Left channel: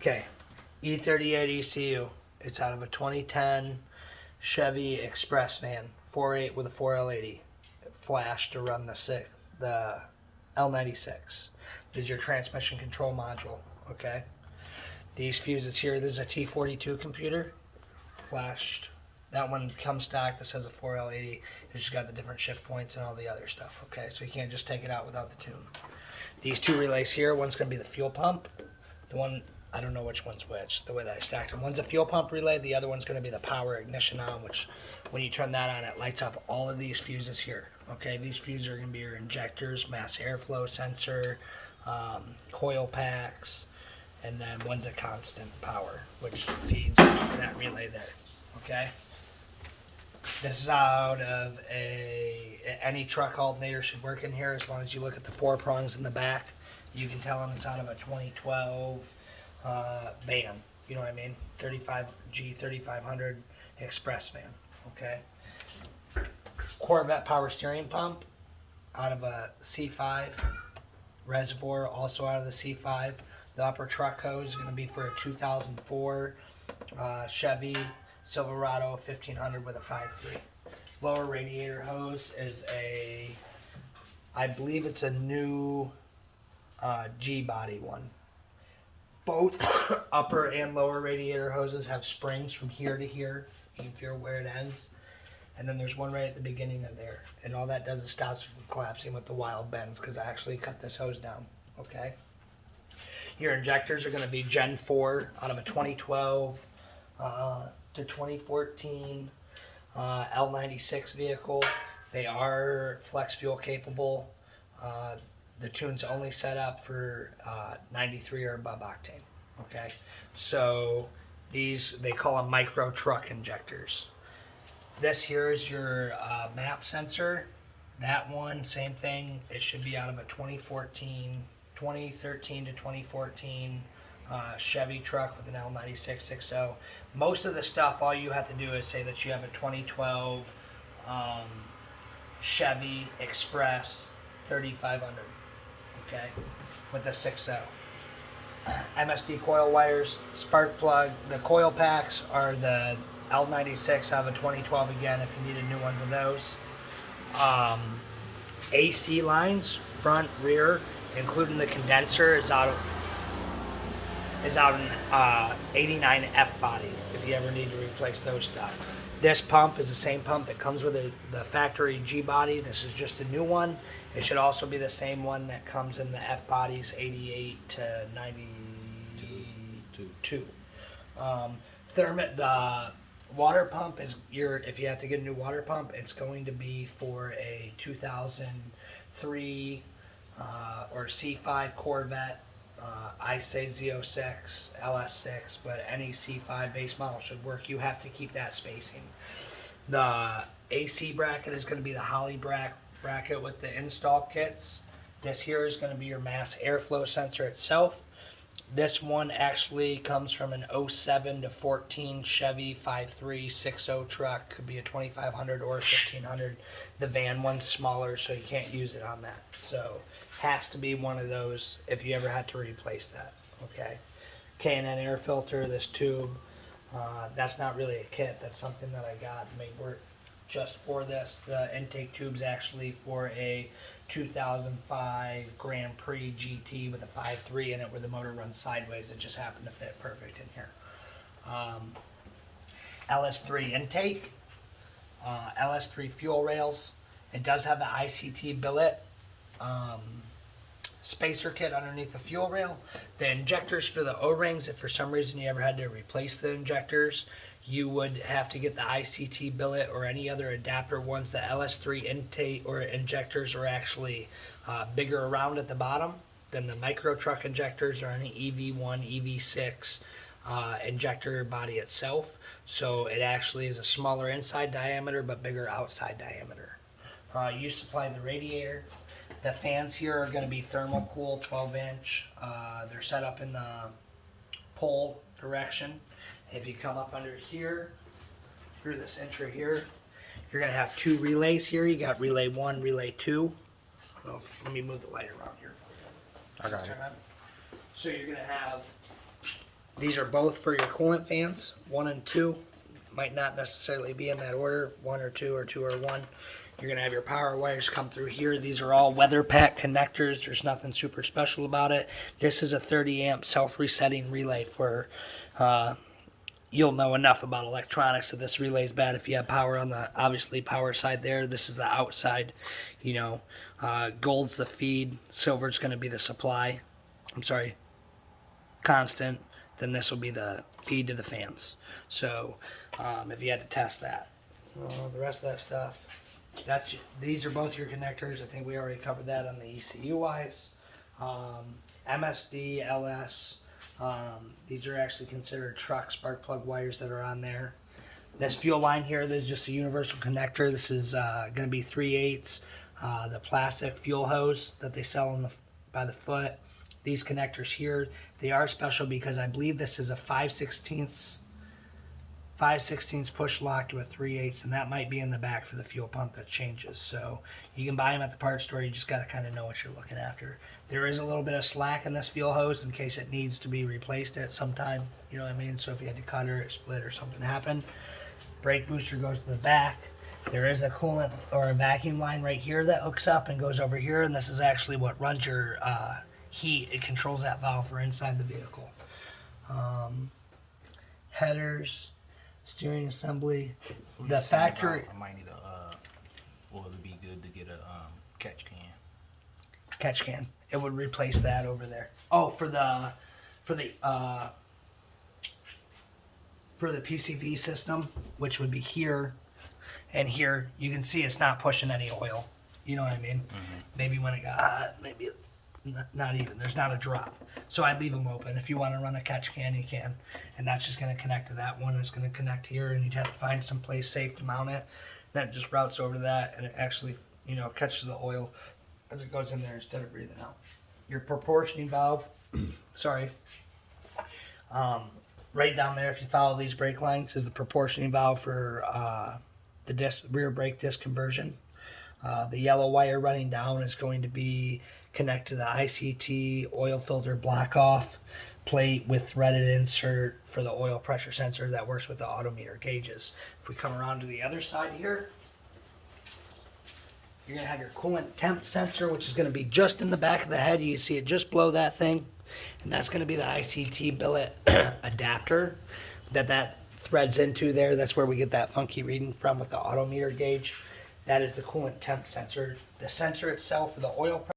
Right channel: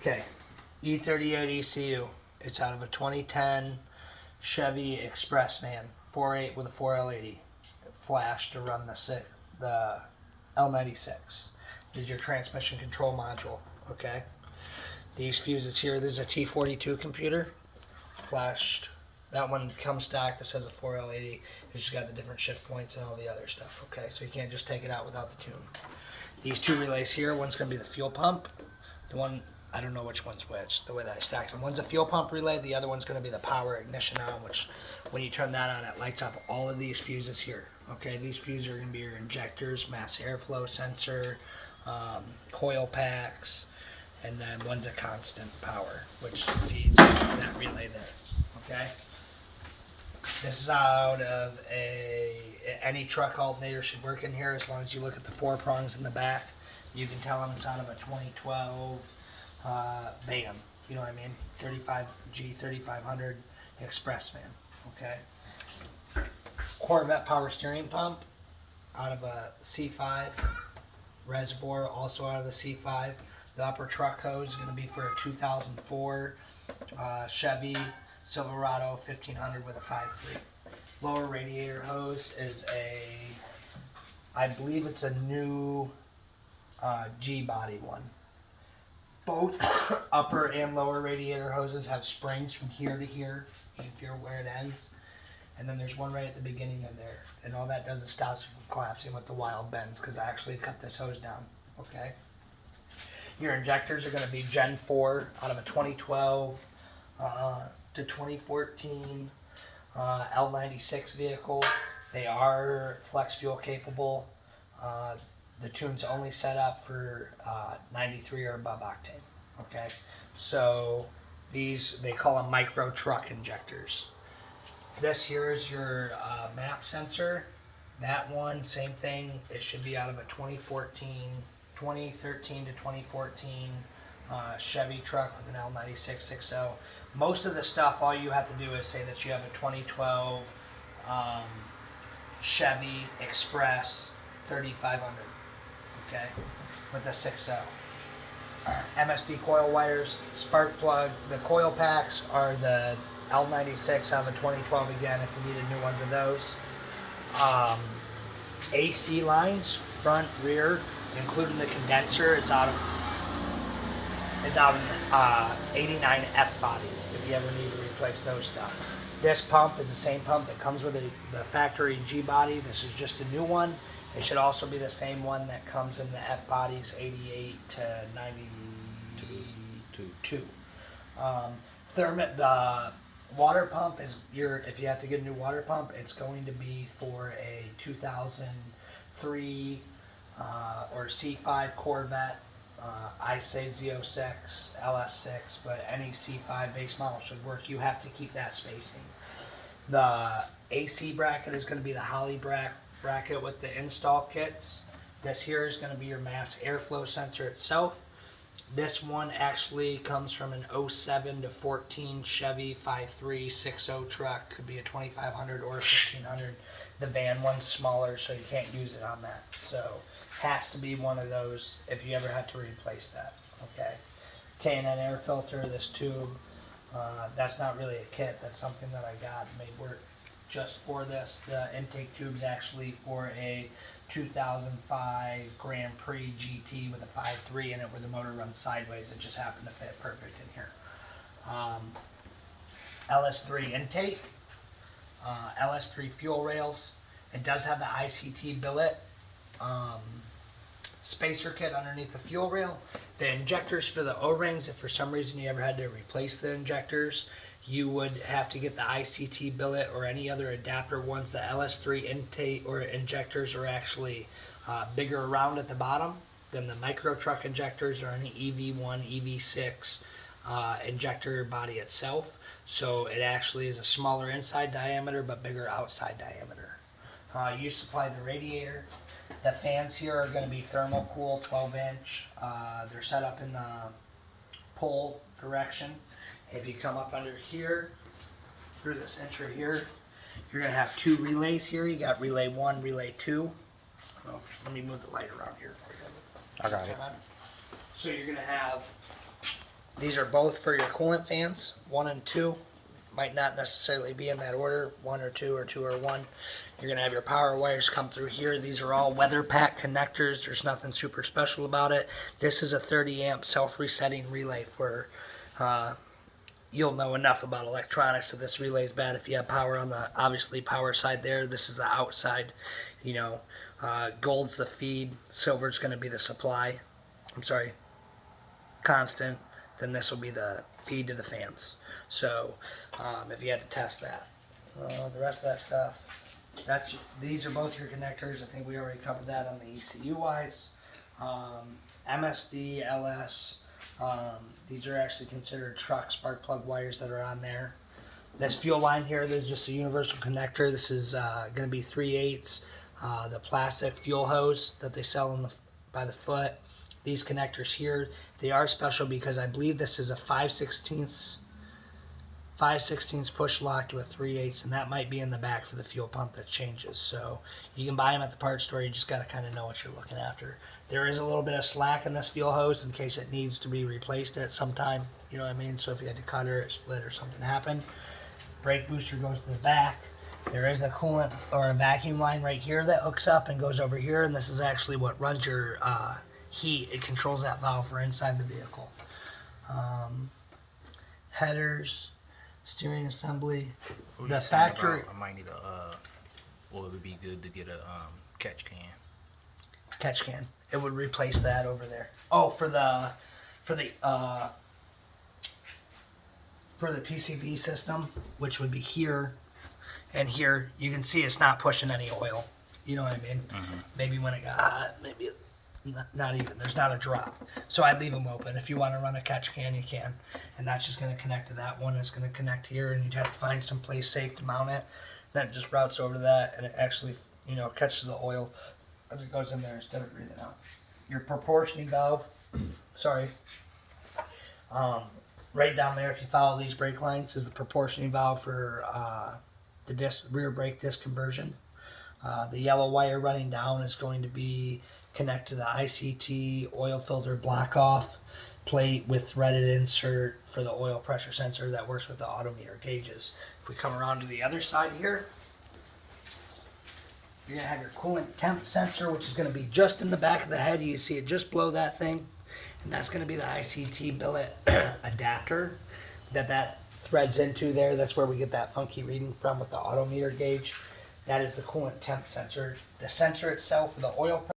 Okay, E38 ECU. It's out of a 2010 Chevy Express van, 4.8 with a 4L80 flash to run the L96. This is your transmission control module. Okay, these fuses here. This is a T42 computer, flashed. That one comes stock. This has a 4L80. It's just got the different shift points and all the other stuff. Okay, so you can't just take it out without the tune. These two relays here. One's going to be the fuel pump. The one, I don't know which one's which, the way that I stacked them. One's a fuel pump relay, the other one's gonna be the power ignition on, which when you turn that on, it lights up all of these fuses here. Okay, these fuses are gonna be your injectors, mass airflow sensor, coil packs, and then one's a constant power, which feeds that relay there, okay? This is out of any truck alternator should work in here as long as you look at the 4 prongs in the back. You can tell them it's out of a 2012 van. You know what I mean? 3500 Express van. Okay. Corvette power steering pump out of a C5 reservoir, also out of the C5. The upper truck hose is going to be for a 2004 Chevy Silverado 1500 with a 5.3. Lower radiator hose is I believe it's a new G-body one. Both upper and lower radiator hoses have springs from here to here. You can feel where it ends. And then there's one right at the beginning of there. And all that does is stops it from collapsing with the wild bends because I actually cut this hose down. Okay. Your injectors are going to be Gen 4 out of a 2012 to 2014 L96 vehicle. They are flex fuel capable. The tune's only set up for 93 or above octane. Okay, so these they call them micro truck injectors. This here is your map sensor. That one, same thing. It should be out of a 2013 to 2014 Chevy truck with an L96 6.0. Most of the stuff, all you have to do is say that you have a 2012 Chevy Express 3500. Okay, with the 6.0. MSD coil wires, spark plug. The coil packs are the L96 out of a 2012 again if you needed new ones of those. AC lines, front, rear, including the condenser, is out in 89 F body if you ever need to replace those stuff. This pump is the same pump that comes with the factory G body. This is just a new one. It should also be the same one that comes in the F bodies 88 to 92. The water pump is if you have to get a new water pump, it's going to be for a 2003 or C5 Corvette. I say Z06, LS6, but any C5 base model should work. You have to keep that spacing. The AC bracket is going to be the Holly bracket with the install kits. This here is going to be your mass airflow sensor itself. This one actually comes from an 07 to 14 Chevy 5.3 6.0 truck. Could be a 2500 or 1500. The van one's smaller, so you can't use it on that. So has to be one of those if you ever had to replace that. Okay. K&N air filter, this tube. That's not really a kit. That's something that I got made work just for this. The intake tube's actually for a 2005 Grand Prix GT with a 5.3 in it where the motor runs sideways. It just happened to fit perfect in here. LS3 intake, LS3 fuel rails. It does have the ICT billet spacer kit underneath the fuel rail. The injectors for the O-rings, if for some reason you ever had to replace the injectors, you would have to get the ICT billet or any other adapter ones. The LS3 intake or injectors are actually bigger around at the bottom than the micro truck injectors or any EV1, EV6 injector body itself. So it actually is a smaller inside diameter but bigger outside diameter. You supply the radiator. The fans here are going to be thermal cool 12-inch. They're set up in the pole direction. If you come up under here, through this intro here, you're going to have 2 relays here. You got relay 1, relay 2. Let me move the light around here for you. I got it. So you're going to have These are both for your coolant fans, 1 and 2. Might not necessarily be in that order, 1 or 2 or 2 or 1. You're going to have your power wires come through here. These are all weather pack connectors. There's nothing super special about it. This is a 30 amp self-resetting relay for, you'll know enough about electronics. So this relay is bad if you have power on the, obviously, power side there. This is the outside, you know. Gold's the feed. Silver's going to be the supply. I'm sorry, constant. Then this will be the feed to the fans. So if you had to test that. The rest of that stuff, these are both your connectors. I think we already covered that on the ECU wise. MSD, LS, these are actually considered truck spark plug wires that are on there. This fuel line here, this is just a universal connector. This is going to be 3/8. The plastic fuel hose that they sell by the foot. These connectors here, they are special because I believe this is a 5/16 push lock to a 3/8, and that might be in the back for the fuel pump that changes. So you can buy them at the parts store. You just got to kind of know what you're looking after. There is a little bit of slack in this fuel hose in case it needs to be replaced at some time. You know what I mean? So if you had to cut or split or something happened, brake booster goes to the back. There is a coolant or a vacuum line right here that hooks up and goes over here, and this is actually what runs your heat. It controls that valve for inside the vehicle. Headers, steering assembly. The factory. I might need or it would be good to get a catch can. Catch can. It would replace that over there. Oh, for the PCV system, which would be here and here. You can see it's not pushing any oil. You know what I mean? Mm-hmm. Maybe when it got hot, maybe not even. There's not a drop. So I'd leave them open. If you want to run a catch can, you can. And that's just going to connect to that one. It's going to connect here, and you'd have to find some place safe to mount it. Then it just routes over to that, and it actually, catches the oil as it goes in there instead of breathing out. Your proportioning valve, right down there, if you follow these brake lines, is the proportioning valve for the rear brake disc conversion. The yellow wire running down is going to be connected to the ICT oil filter block off plate with threaded insert for the oil pressure sensor that works with the odometer gauges. If we come around to the other side here, you're going to have your coolant temp sensor, which is going to be just in the back of the head. You see it just below that thing. And that's going to be the ICT billet adapter that threads into there. That's where we get that funky reading from with the odometer gauge. That is the coolant temp sensor. The sensor itself for the oil